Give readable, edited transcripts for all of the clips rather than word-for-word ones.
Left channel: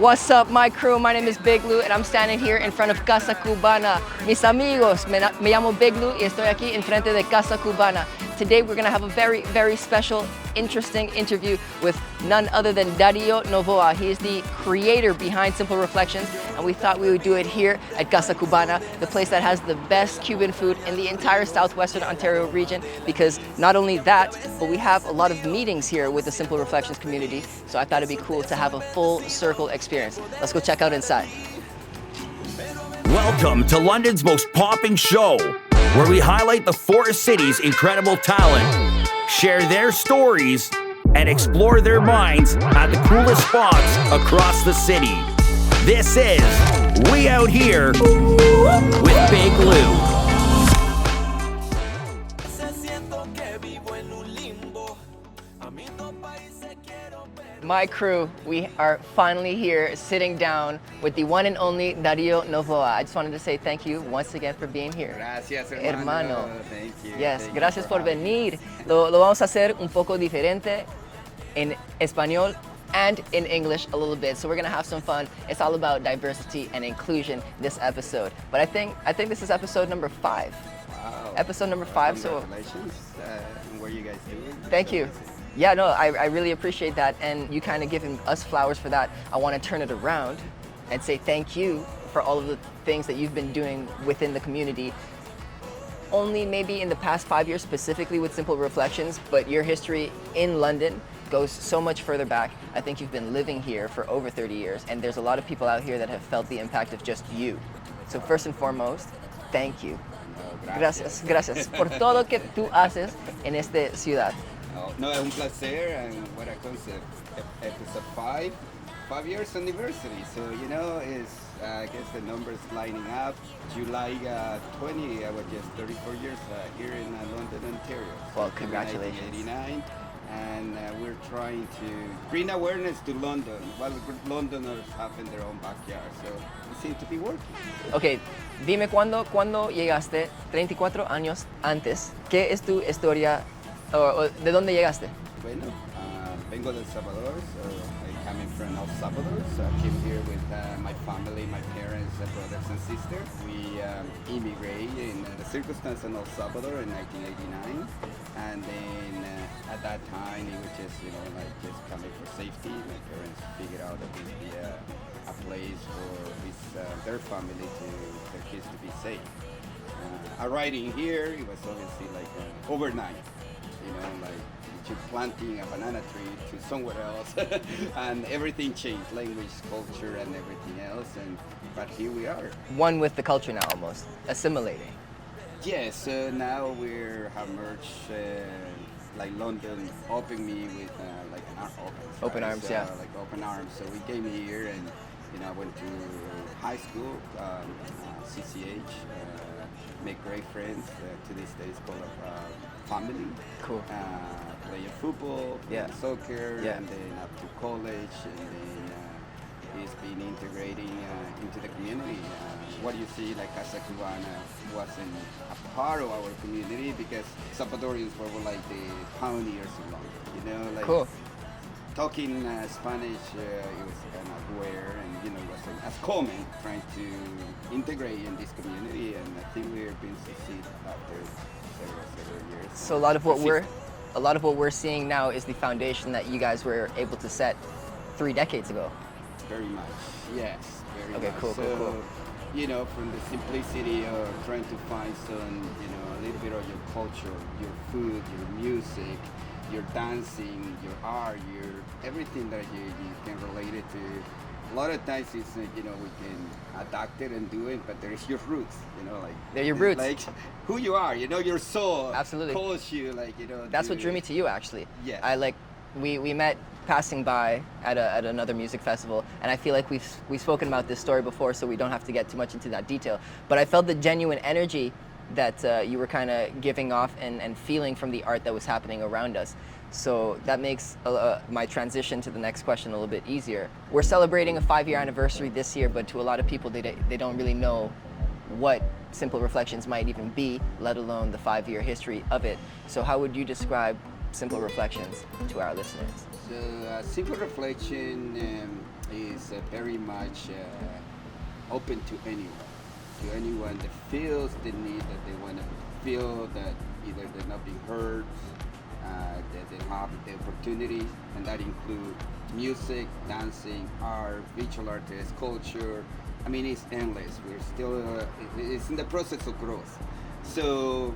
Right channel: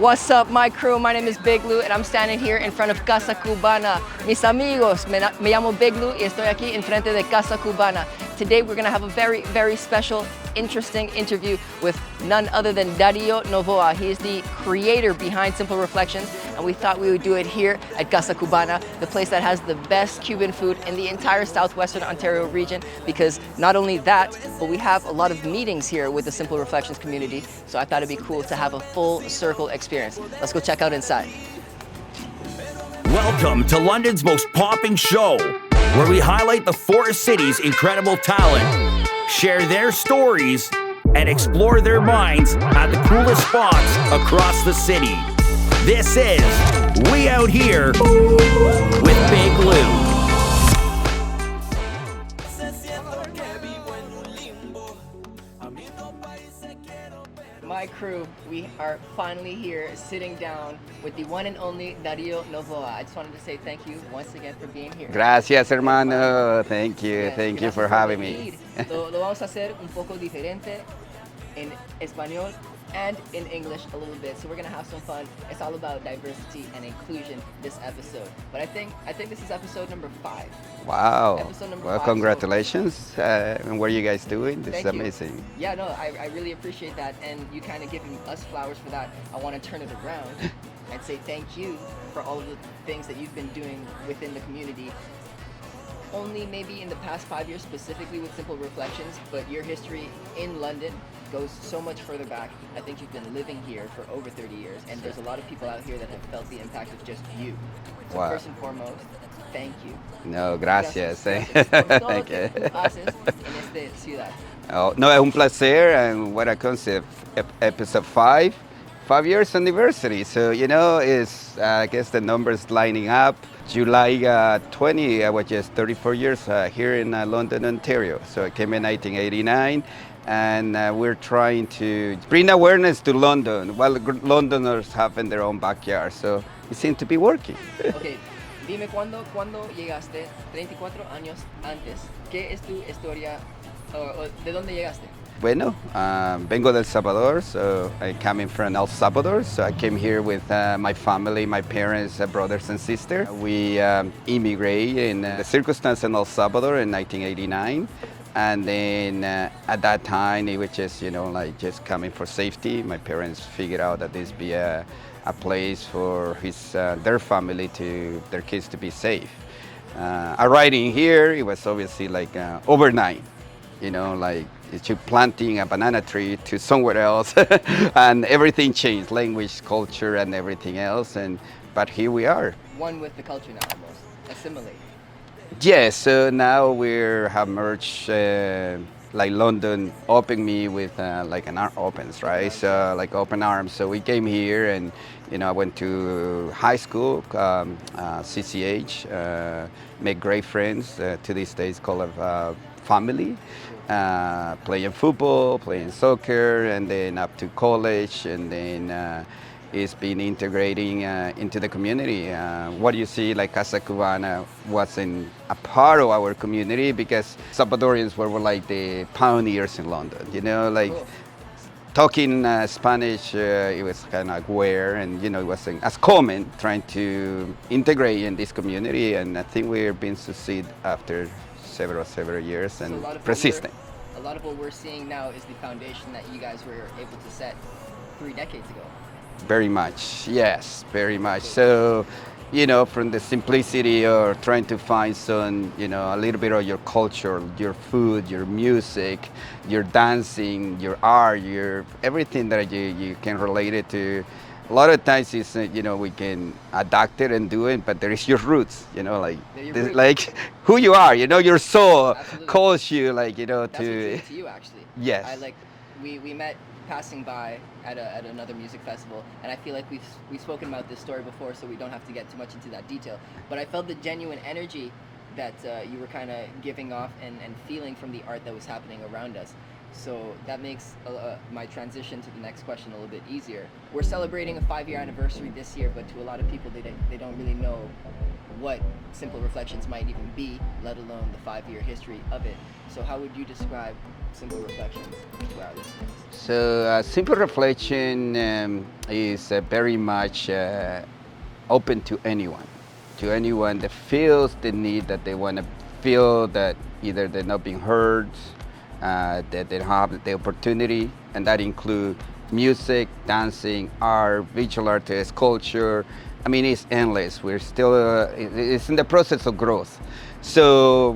What's up, my crew? My name is Big Lou, and I'm standing here in front of Casa Cubana. Mis amigos, me llamo Big Lou, y estoy aquí en frente de Casa Cubana. Today, we're gonna have a very, very special, interesting interview with none other than Dario Novoa. He is the creator behind Simple Reflections, and we thought we would do it here at Casa Cubana, the place that has the best Cuban food in the entire southwestern Ontario region, because not only that, but we have a lot of meetings here with the Simple Reflections community, so I thought it'd be cool to have a full circle experience. Let's go check out inside. Welcome to London's most popping show, where we highlight the four cities' incredible talent, share their stories, and explore their minds at the coolest spots across the city. This is We Out Here with Big Lou. My crew, we are finally here sitting down with the one and only Dario Novoa. I just wanted to say thank you once again for being here. Gracias, hermano. Thank you. Yes, Thank you gracias for por having venir. me. Lo vamos a hacer un poco diferente en español and in English a little bit. So we're gonna have some fun. It's all about diversity and inclusion this episode. But I think this is episode number 5. Wow. Episode number well, 5. Congratulations. And what are you guys doing? This Thank is you. amazing. Yeah, no, I really appreciate that. And you kind of giving us flowers for that. I want to turn it around and say thank you for all of the things that you've been doing within the community. Only maybe in the past 5 years specifically with Simple Reflections, but your history in London goes so much further back. I think you've been living here for over 30 years, and there's a lot of people out here that have felt the impact of just you. So Wow. First and foremost, thank you. No, gracias. Gracias por todo lo Thank que you. tú haces en esta ciudad. Oh, no, es un placer, and what a concept. Episode 5, 5 years anniversary. So, you know, it's, I guess the numbers lining up. July 20, I was just 34 years here in London, Ontario. So I came in 1989. And we're trying to bring awareness to London while Londoners have in their own backyard. So it seems to be working. Ok, dime cuándo llegaste, 34 años antes. ¿Qué es tu historia? O ¿De dónde llegaste? Bueno, vengo del Salvador, so I come in from El Salvador. So I came here with my family, my parents, brothers and sisters. We immigrated in the circumstance in El Salvador in 1989. And then at that time, it was just, you know, like just coming for safety. My parents figured out that this be a place for their family their kids to be safe. Arriving here, it was obviously like overnight, you know, like it's you planting a banana tree to somewhere else, and everything changed, language, culture, and everything else. But here we are. One with the culture now, almost assimilating. Yes, so now we have merged, like London opened me with like an arm opens, right? Arms, So yeah. like open arms. So we came here and, you know, I went to high school, CCH, made great friends. To this day, it's called a family. Cool. Playing football, playing soccer, and then up to college, and then it's been integrating into the community. What you see, like Casa Cubana wasn't a part of our community because Salvadorians were like the pioneers in London, you know, like Cool. talking Spanish, it was kind of rare, and you know, it wasn't as common trying to integrate in this community, and I think we're being succeed after several years. So and a lot of persistent. what we're seeing now is the foundation that you guys were able to set 3 decades ago. Very much, yes, very much. Cool. So, you know, from the simplicity or trying to find some, you know, a little bit of your culture, your food, your music, your dancing, your art, your everything that you can relate it to. A lot of times it's, you know, we can adapt it and do it, but there is your roots, you know, like, They're your this- roots. like who you are, you know, your soul Absolutely. calls you, like, you know, That's to... what drew me to you, actually. Yes. We met passing by at another music festival, and I feel like we've spoken about this story before, so we don't have to get too much into that detail. But I felt the genuine energy that you were kind of giving off and feeling from the art that was happening around us. So that makes my transition to the next question a little bit easier. We're celebrating a 5-year anniversary this year, but to a lot of people, they don't really know what Simple Reflections might even be, let alone the 5-year history of it. So how would you describe Simple Reflections to our listeners? So Simple Reflection is very much open to anyone that feels the need, that they want to feel that either they're not being heard, that they don't have the opportunity, and that include music, dancing, art, visual artists, culture. I mean, it's endless. We're still, it's in the process of growth. So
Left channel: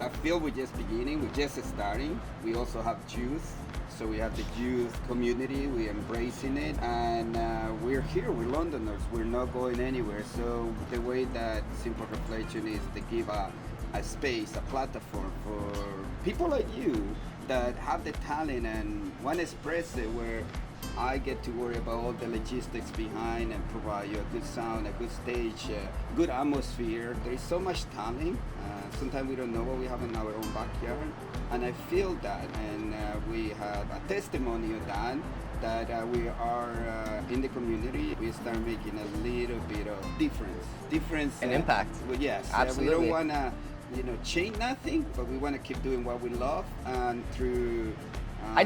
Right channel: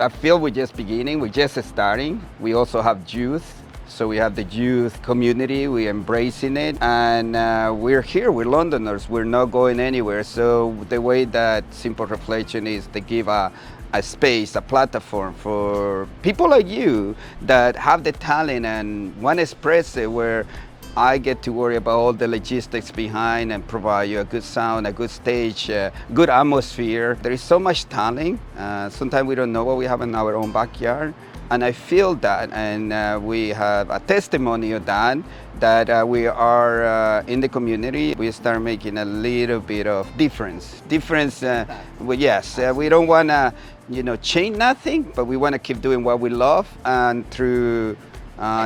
I feel we're just beginning, we're just starting. We also have youth. So we have the youth community, we're embracing it, and we're here, we're Londoners, we're not going anywhere. So the way that Simple Reflection is to give a space, a platform for people like you that have the talent and want to express it, where I get to worry about all the logistics behind and provide you a good sound, a good stage, good atmosphere. There is so much talent. Sometimes we don't know what we have in our own backyard. And I feel that, and we have a testimony of that we are in the community. We start making a little bit of difference. Impact. Well, yes, we don't want to, change nothing, but we want to keep doing what we love, and through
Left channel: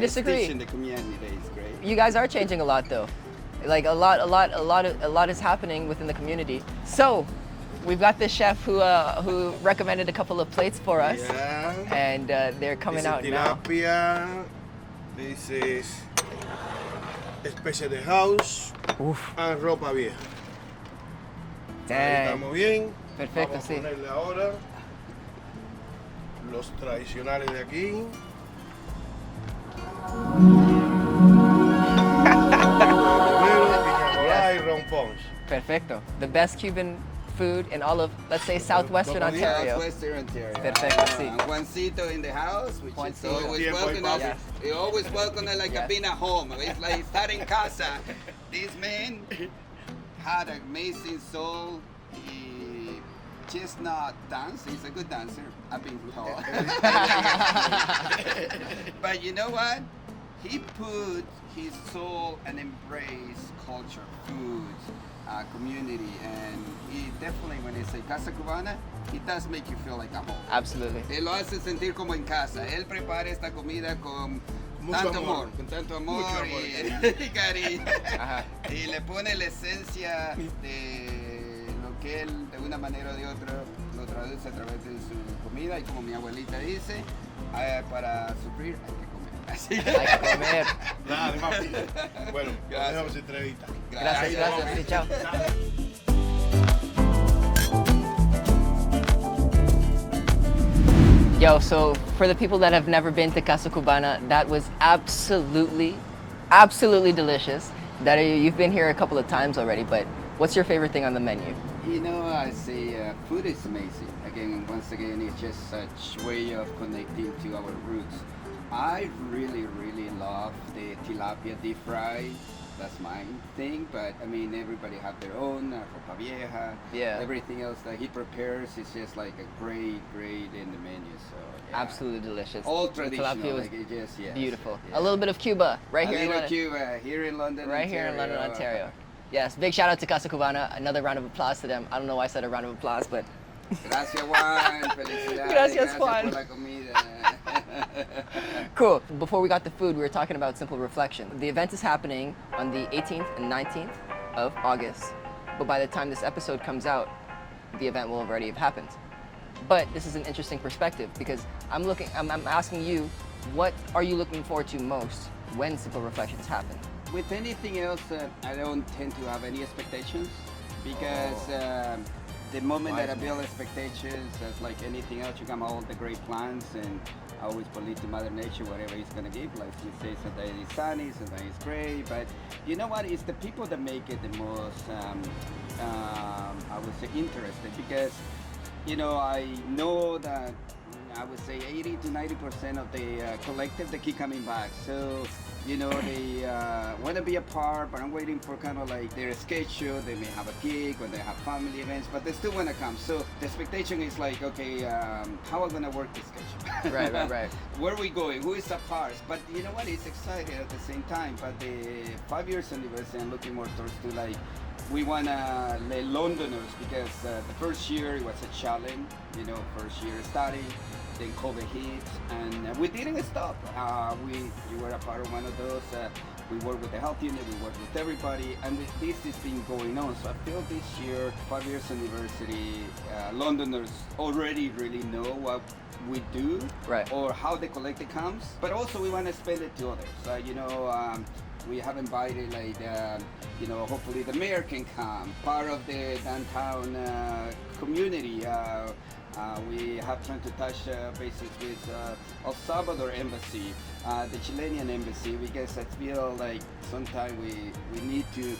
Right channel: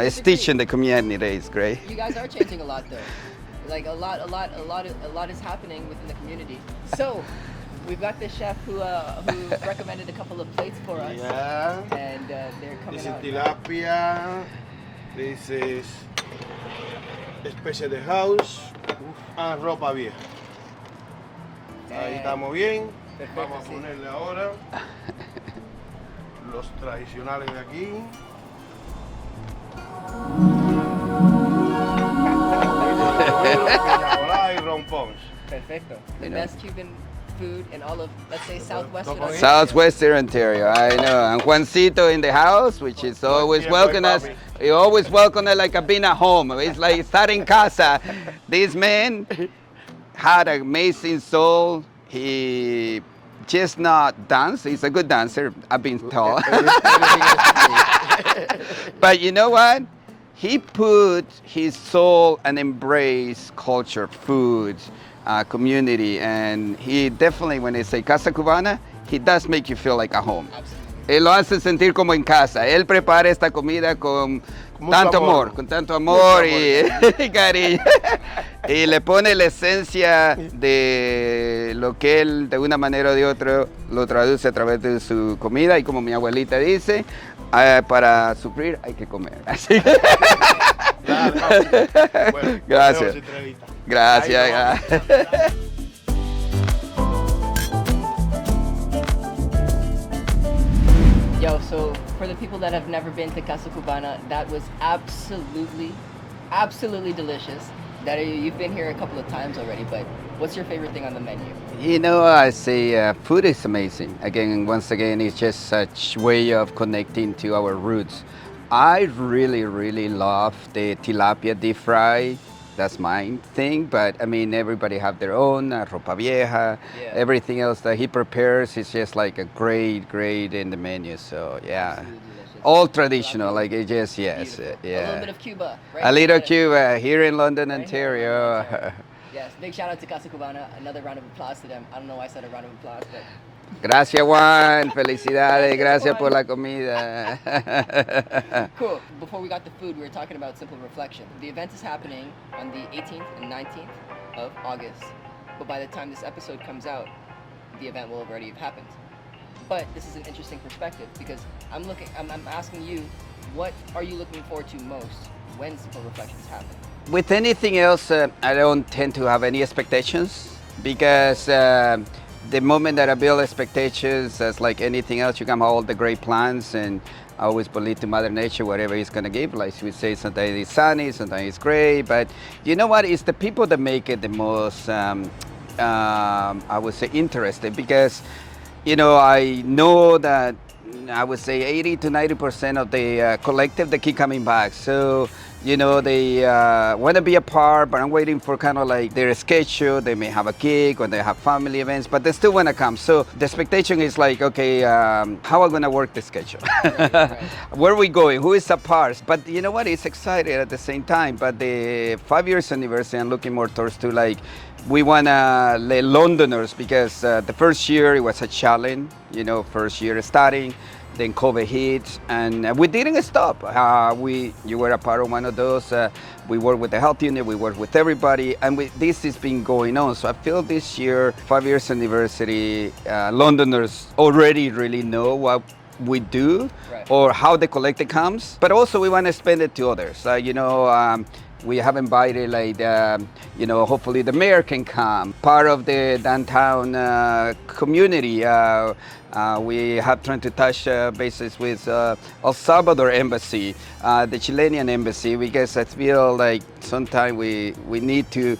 stitching the community is great. You guys are changing a lot, though. Like a lot is happening within the community. So, we've got this chef who recommended a couple of plates for us, and they're coming out now. Tilapia. This is especie de house and ropa vieja. Ahí estamos bien. Perfecto, Vamos a sí. ponerle ahora los tradicionales de aquí. Y rompones. Perfecto. The best Cuban food in all of, let's say, Southwestern Ontario. Southwestern Ontario, I know. And Juancito in the house, which is always welcome us. He always welcome us like being at home. It's like starting casa. This man had an amazing soul. He just not dance. He's a good dancer, I've been told. But you know what? He put his soul and embrace culture, food, community, and he definitely, when they say Casa Cubana, he does make you feel like a home. Absolutely. Él lo hace sentir como en casa. Él prepara esta comida con tanto amor, con tanto amor y cariño. Y le pone la esencia de lo que él, de una manera o de otra, lo traduce a través de su comida. Y como mi abuelita dice, para sufrir hay que comer. Así que... Bueno, Gracias. Gracias. Yo, so for the people that have never been to Casa Cubana, that was absolutely delicious. Dario, you've been here a couple of times already, but what's your favorite thing on the menu? I say food is amazing. Once again, it's just such way of connecting to our roots. I really love the tilapia deep fry. That's my thing, but I mean, everybody have their own, ropa vieja, everything else that he prepares is just like a great in the menu, so yeah. Absolutely delicious. All traditional, Tilapia like it just, yes. beautiful. Yeah. A little bit of Cuba, right? A here in little London. Cuba, here in London, Right here in Ontario. London, Ontario. Yes, big shout out to Casa Cubana. Another round of applause to them. I don't know why I said a round of applause, but Gracias, Juan. Felicidades. Gracias Juan. por la comida. Cool. Before we got the food, we were talking about Simple Reflection. The event is happening on the 18th and 19th of August. But by the time this episode comes out, the event will already have happened. But this is an interesting perspective because I'm asking you, what are you looking forward to most when Simple Reflections happen? With anything else, I don't tend to have any expectations because the moment that I build expectations, as like anything else, you can have all the great plans, and I always believe to Mother Nature, whatever it's gonna give. Like we say, sometimes it's sunny, sometimes it's gray, but you know what? It's the people that make it the most, I would say, interesting, because, you know, I know that I would say 80 to 90% of the collective, they keep coming back. So You know, they want to be a part, but I'm waiting for kind of like their schedule. They may have a gig or they have family events, but they still want to come. So the expectation is like, okay, how am I going to work the schedule? Right. Where are we going? Who is a part? But you know what? It's exciting at the same time. But the 5 years anniversary, I'm looking more towards to like, we want to let Londoners, because the first year it was a challenge, you know, first year starting. Then COVID hit, and we didn't stop. You were a part of one of those. We work with the health unit, we work with everybody, and this has been going on. So I feel this year, 5 years anniversary, Londoners already really know what we do, Right. or how the collector comes. But also we want to expand it to others. We have invited, like, you know, hopefully the mayor can come, part of the downtown community. We have tried to touch bases with El Salvador Embassy, the Chilean Embassy, because I feel like sometimes we need to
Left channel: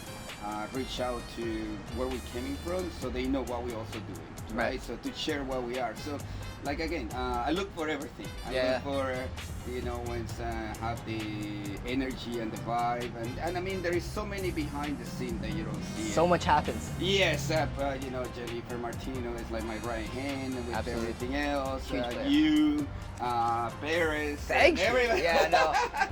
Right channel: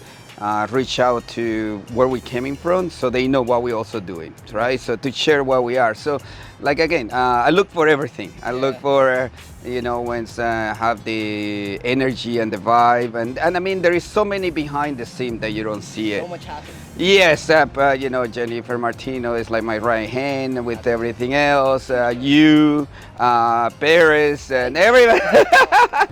reach out to where we're coming from, so they know what we're also doing, right? So to share what we are. So, like, again, I look for everything. I look for, you know, when have the energy and the vibe, and I mean, there is so many behind the scene that you don't see it. So much happens. Yes, you know, Jennifer Martino is like my right hand with everything else. You, Paris, and everybody.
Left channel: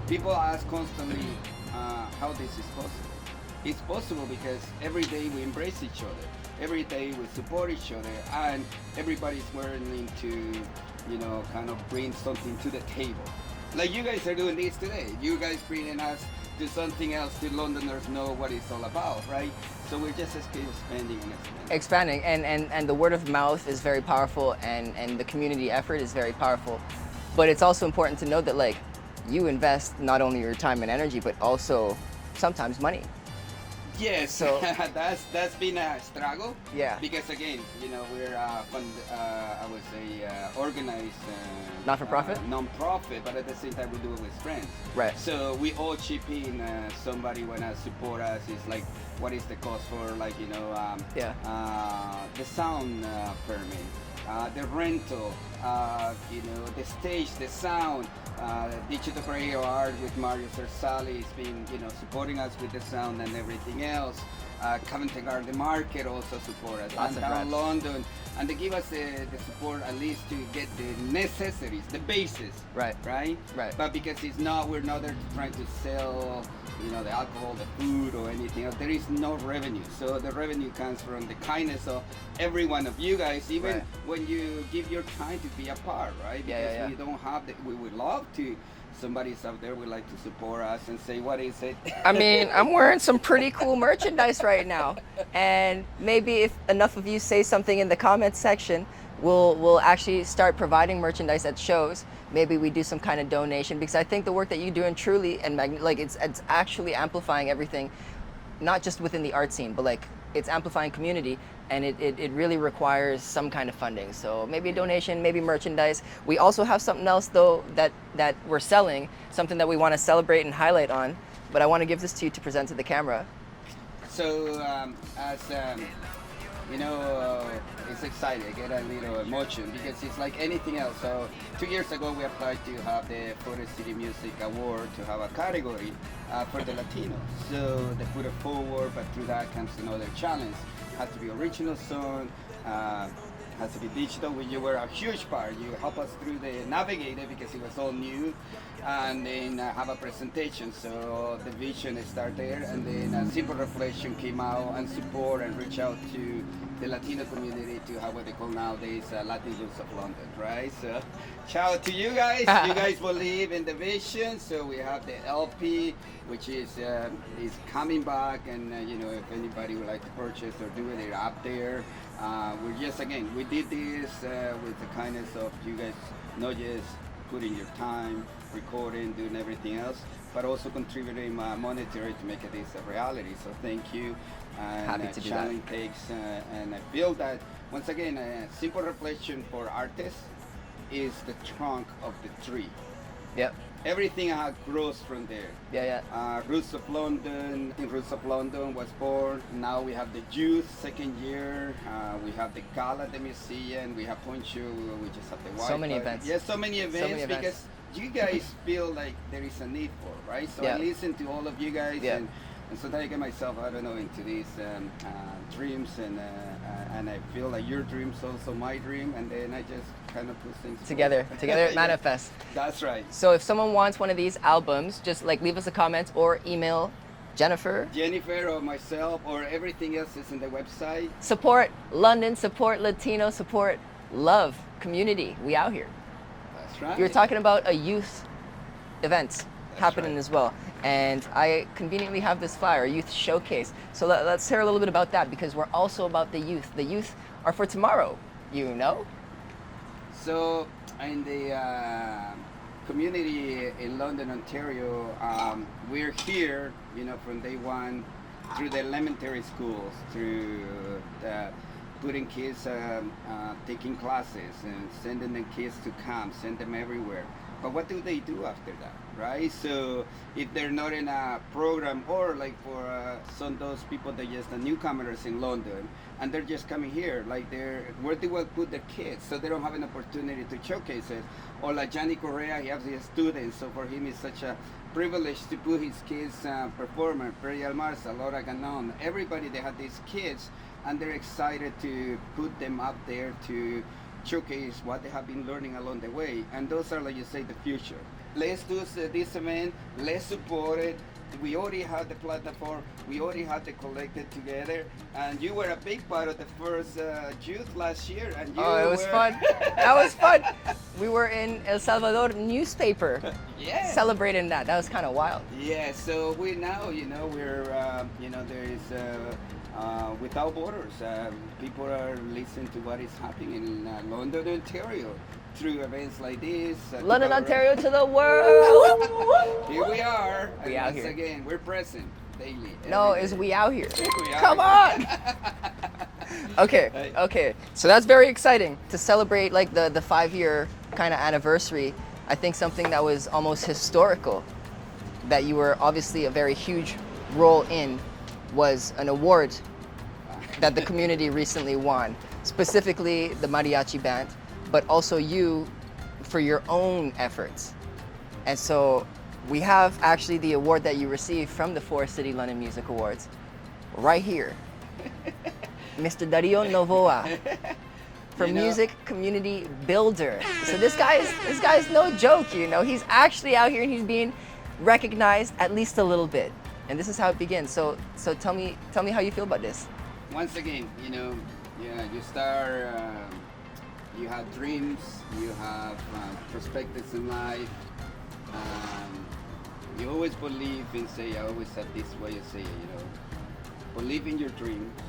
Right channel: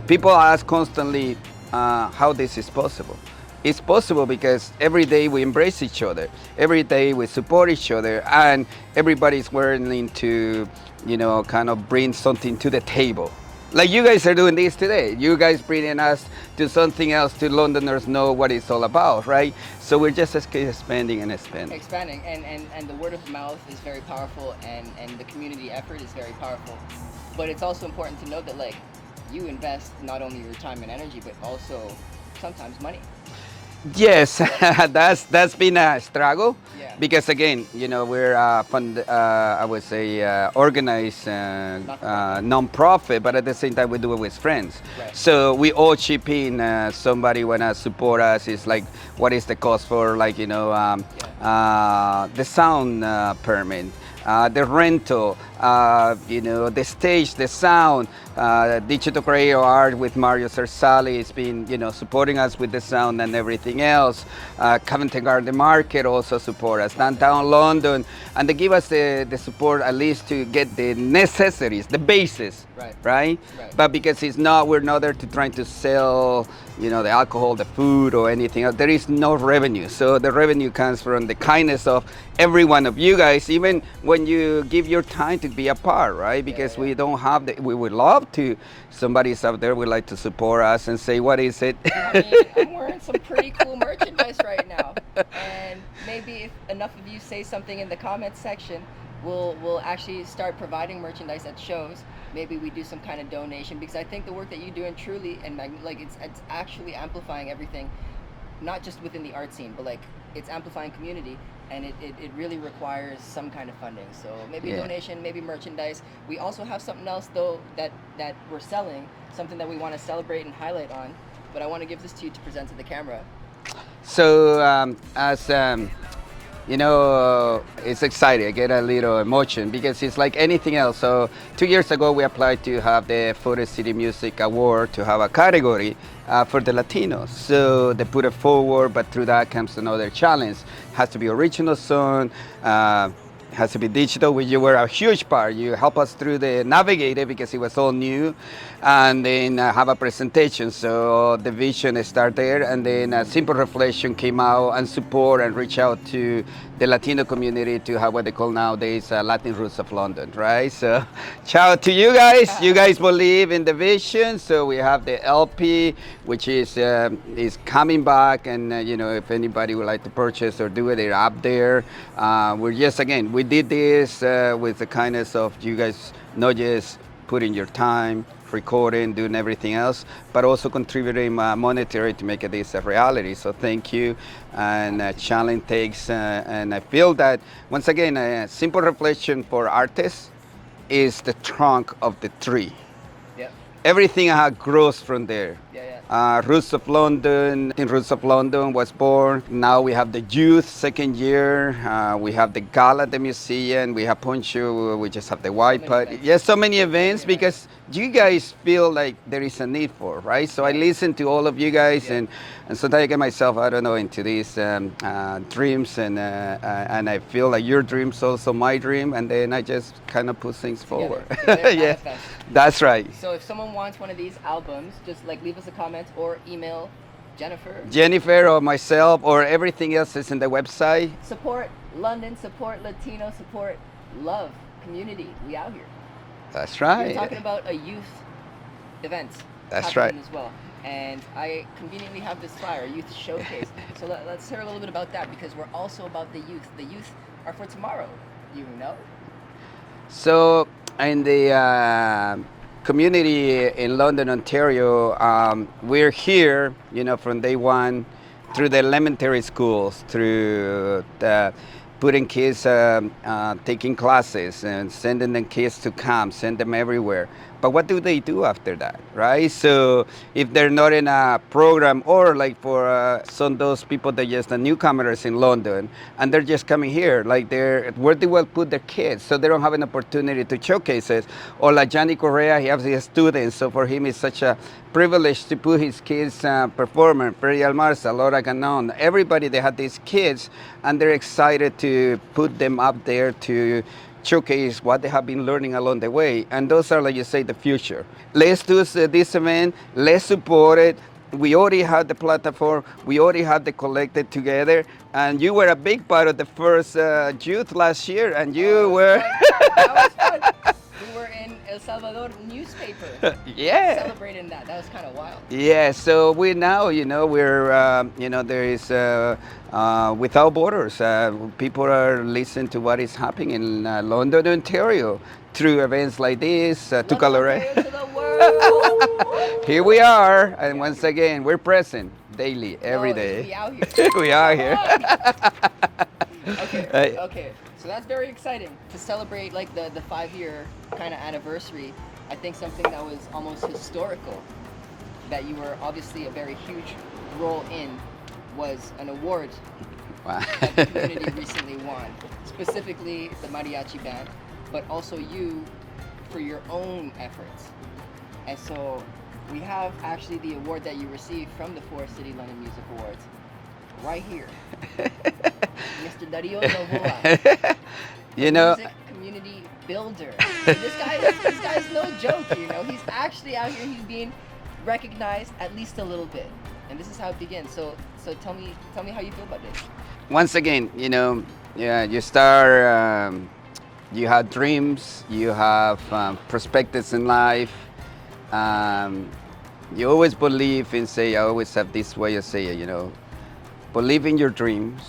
People ask constantly how this is possible. It's possible because every day we embrace each other. Every day we support each other, and everybody's willing to, you know, kind of bring something to the table. Like you guys are doing this today. You guys bringing us to something else to Londoners know what it's all about, right? So we're just expanding and expanding. Expanding, and the word of mouth is very powerful, and the community effort is very powerful. But it's also important to note that, like, you invest not only your time and energy, but also sometimes money. Yes, that's been a struggle. Yeah. Because again, you know, we're I would say organized non-profit, but at the same time we do it with friends. Right. So we all chip in. Somebody wanna support us. It's like, what is the cost for, like, you know, the sound permit, the rental, you know, the stage, the sound, digital creative art with Mario Cersali has been, you know, supporting us with the sound and everything else. Covent Garden Market also support us, downtown London, and they give us the support at least to get the necessities, the basis, right? But because we're not there to trying to sell, you know, the alcohol, the food, or anything else. There is no revenue. So the revenue comes from the kindness of every one of you guys, even when you give your time to be a part, right? Because we don't have we would love to, somebody's out there would like to support us and say, what is it? I mean, I'm wearing some pretty cool merchandise right now. And maybe if enough of you say something in the comments section, we'll actually start providing merchandise at shows. Maybe we do some kind of donation, because I think the work that you do in truly, and like, it's actually amplifying everything, not just within the art scene, but like, it's amplifying community, and it really requires some kind of funding. So maybe a donation, maybe merchandise. We also have something else though that we're selling, something that we want to celebrate and highlight on, but I want to give this to you to present to the camera. So you know, it's exciting. I get a little emotion because it's like anything else. So 2 years ago, we applied to have the Photo City Music Award to have a category for the Latinos. So they put it forward, but through that comes another challenge. Has to be original song, has to be digital, which you were a huge part. You help us through the navigate it because it was all new, and then have a presentation. So the vision started there, and then a Simple Reflection came out and support and reach out to the Latino community to have what they call nowadays Latin Roots of London, right? So shout out to you guys. You guys believe in the vision. So we have the LP, which is coming back, and you know, if anybody would like to purchase or do it, they're up there. We're just, again, we did this with the kindness of you guys, not just putting your time, recording, doing everything else, but also contributing monetary to make this a reality. So thank you, and challenge takes, and I feel that, once again, a Simple Reflection for artists is the trunk of the tree. Yep. Everything grows from there. Roots of London, Roots of London was born. Now we have the youth, second year. We have the gala at the museum. We have Poncho. We just have the white party. Yes, so many events, because you guys feel like there is a need for, right? So I Yeah. listen to all of you guys, Yeah. and sometimes I get myself, I don't know, into these dreams, and I feel like your dream's also my dream, and then I just kind of put things Together, forward. together Yeah. manifest. That's right. So if someone wants one of these albums, just like leave us a comment or email Jennifer. Jennifer or myself or everything else is in the website. Support London, support Latino, support love, community. We out here. That's right. You're talking about a youth event That's happening right. as well. And I conveniently have this flyer, a youth showcase. So let's hear a little bit about that, because we're also about the youth. The youth are for tomorrow, you know? So in the community in London, Ontario, we're here, from day one, through the elementary schools, through putting kids, taking classes and sending them kids to camp, send them everywhere. But what do they do after that, right? So if they're not in a program, or like for some of those people that just the newcomers in London, and they're just coming here, like where they will put their kids, so they don't have an opportunity to showcase it. Or like Johnny Correa, he has his students, so for him it's such a privilege to put his kids performer, Perry Almarza, Laura Ganon, everybody, they have these kids, and they're excited to put them up there to showcase what they have been learning along the way. And those are, like you say, the future. Let's do this event, let's support it. We already had the platform, we already had the collected together, and you were a big part of the first youth last year, and you were... Fun. That was fun. We were in El Salvador newspaper. Yeah. Celebrating that. That was kind of wild. Yeah, so we now, we're, there is Without Borders. People are listening to what is happening in London, Ontario, through events like this. To London, collaborate. Ontario to the world. Here we are, and We out once here. again, we're present daily, every day. It's we out here. We are here. Okay, Hey. okay. So that's very exciting to celebrate like the 5-year kind of anniversary. I think something that was almost historical, that you were obviously a very huge role in, was an award Wow. that the community recently won, specifically the mariachi band, but also you for your own efforts. And so we have actually the award that you received from the Forest City London Music Awards right here. Mr. Dario Novoa, the music community builder. So this guy's no joke, He's actually out here and he's being recognized at least a little bit. And this is how it begins. So tell me how you feel about this. Once again, you start, you have dreams, you have perspectives in life. You always believe in, I always have this way of saying, believe in your dreams,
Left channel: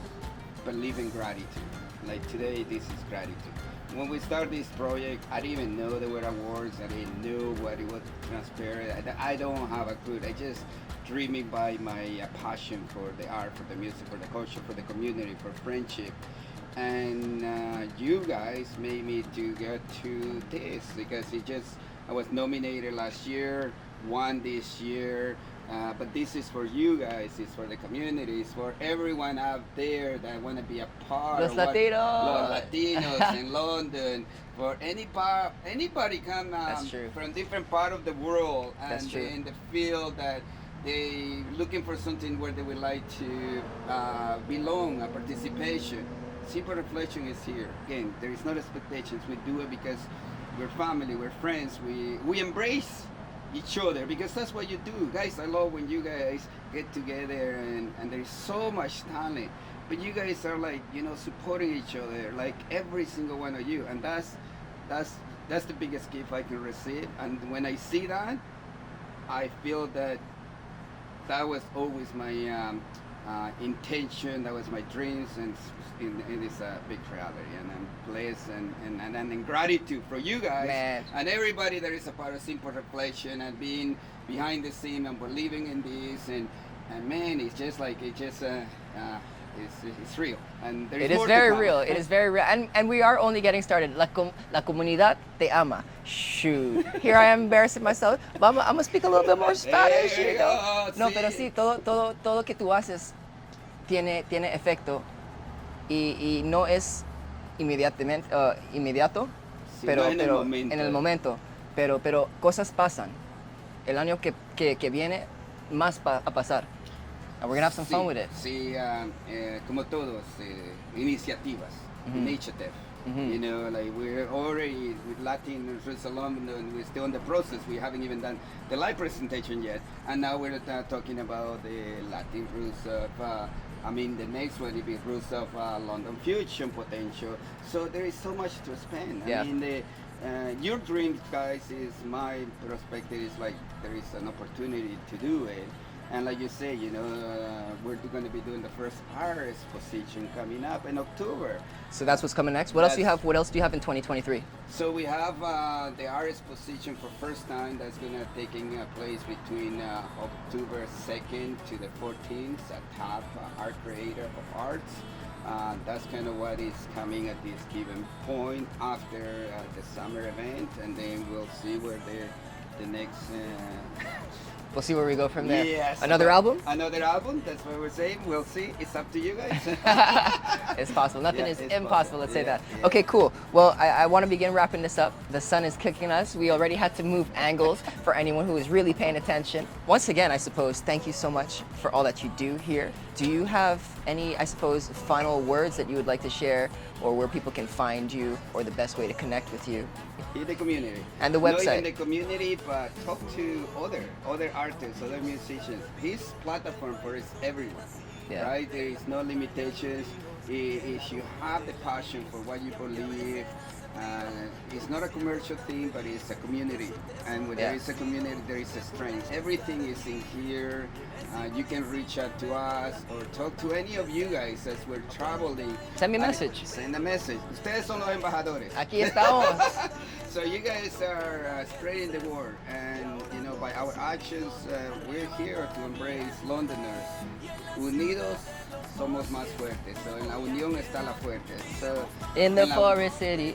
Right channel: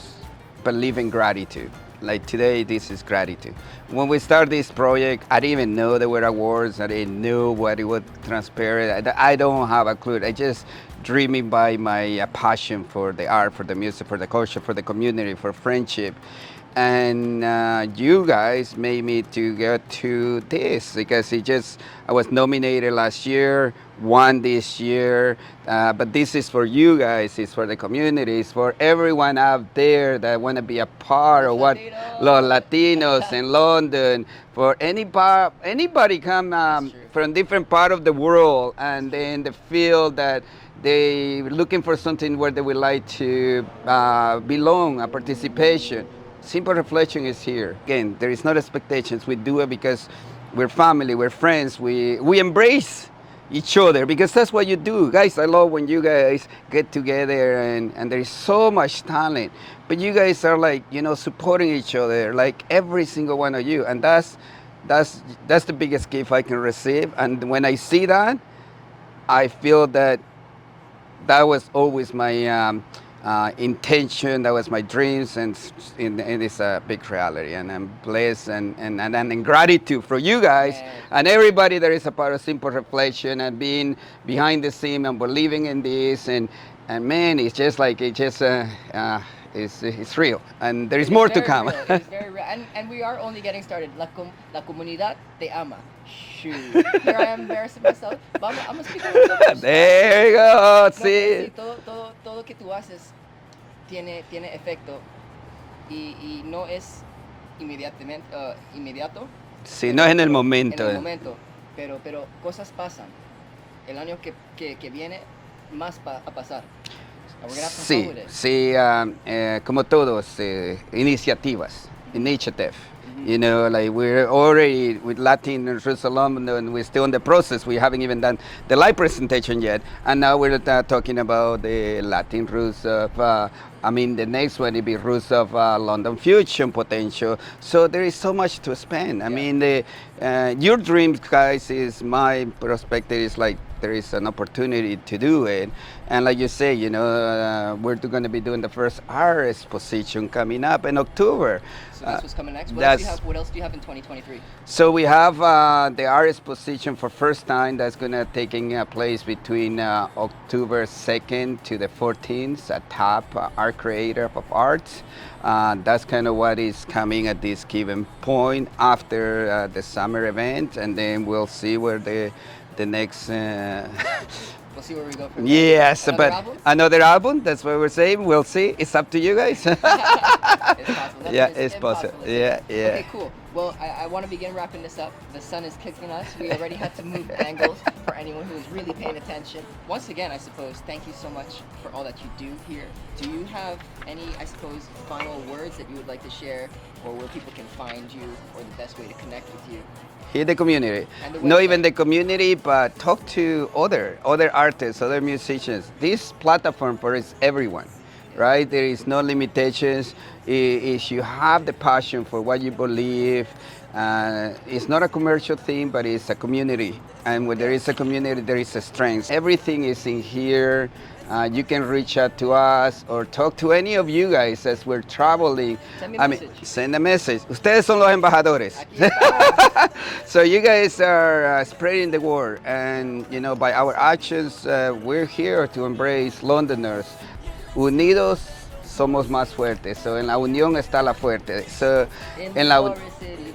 believe in gratitude. Like today, this is gratitude. When we started this project, I didn't even know there were awards. I didn't know what it would transpire. I don't have a clue. I just dreaming by my passion for the art, for the music, for the culture, for the community, for friendship. And you guys made me to get to this, because I was nominated last year, won this year, but this is for you guys, it's for the community, it's for everyone out there that want to be a part Los of what Latinos. Los Latinos in London, for anybody come true. from different part of the world, and That's true. then they feel that they looking for something where they would like to belong, a participation. Simple Reflection is here. Again, there is no expectations. We do it because we're family, we're friends, we embrace each other, because that's what you do. Guys, I love when you guys get together and there is so much talent, but you guys are like, supporting each other, like every single one of you. And that's the biggest gift I can receive. And when I see that, I feel that was always my intention, that was my dreams, and it's a big reality, and I'm blessed and in gratitude for you guys. Man. And everybody that is a part of Simple Reflection and being behind the scene and believing in this, and man, it's just like it's real, and there is more to come. It is very real, and we are only getting started. La comunidad te ama. Shoot, here I am embarrassing myself. I'm gonna speak a little bit more Spanish. There you go. No, pero See. sí, todo lo que tú haces tiene efecto y no es inmediato. Sí, pero- no es en el pero momento. En el momento. pero cosas pasan. El año que viene, más a pasar. And we're gonna have some fun with it. Sí, como todos, iniciativas, initiative. You know, like we're already with Latin Jerusalem, and we're still in the process. We haven't even done the live presentation yet, and now we're talking about the Latin roots of. The next one will be roots of London fusion potential. So there is so much to spend. I mean, your dreams, guys, is my perspective. Is like there is an opportunity to do it. And like you say, you know, we're going to be doing the first art exposition coming up in October. So that's what's coming next. What else do you have? What else do you have in 2023? So we have the art exposition for first time that's going to taking place between October 2nd to the 14th at TAP, Art Creator of Arts. That's kind of what is coming at this given point after the summer event, and then we'll see where the next. We'll see where we go from there. Yes. Another album? Another album, that's what we're saying. We'll see. It's up to you guys. It's possible. Nothing is impossible. Let's say that. Yeah. Okay, cool. Well, I want to begin wrapping this up. The sun is kicking us. We already had to move angles for anyone who is really paying attention. Once again, I suppose, thank you so much for all that you do here. Do you have any, I suppose, final words that you would like to share, or where people can find you, or the best way to connect with you? Here, the community. And the website. Not even the community, but talk to other artists, other musicians. This platform for is everyone, right? There is no limitations. If you have the passion for what you believe, it's not a commercial thing, but it's a community. And when there is a community, there is a strength. Everything is in here. You can reach out to us or talk to any of you guys as we're traveling. Send me a message. Send a message. Ustedes son los embajadores. Aquí estamos. So you guys are spreading the word, and you know, by our actions, we're here to embrace Londoners. Unidos somos más fuertes. So en la unión está la fuerte. So in the forest city.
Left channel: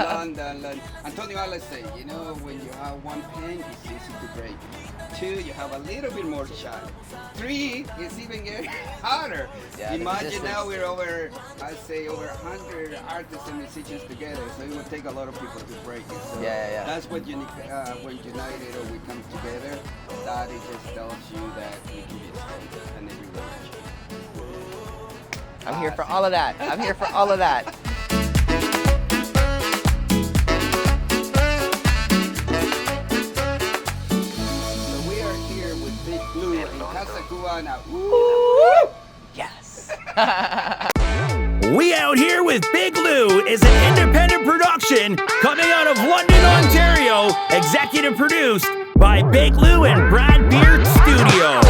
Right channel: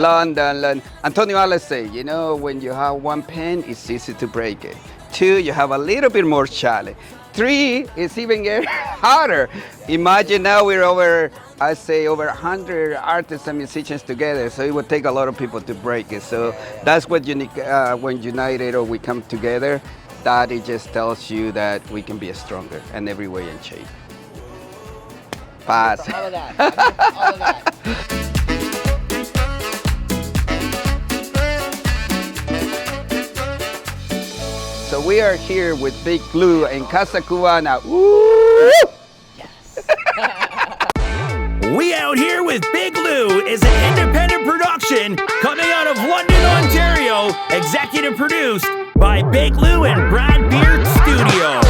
London. Antonio always say, you know, when you have one pen, it's easy to break it. 2, you have a little bit more challenge. 3, it's even getting harder. Imagine now we're over 100 artists and musicians together, so it would take a lot of people to break it. So that's what unique when united or we come together, that it just tells you that we can be stronger in every way and shape. I'm here for all of that. I'm here for all of that. So we are here with Big Blue in Casa Cubana. Woo! Yes. We Out Here with Big Lou is an independent production coming out of London, Ontario, executive produced by Big Lou and Brad Beard Studio.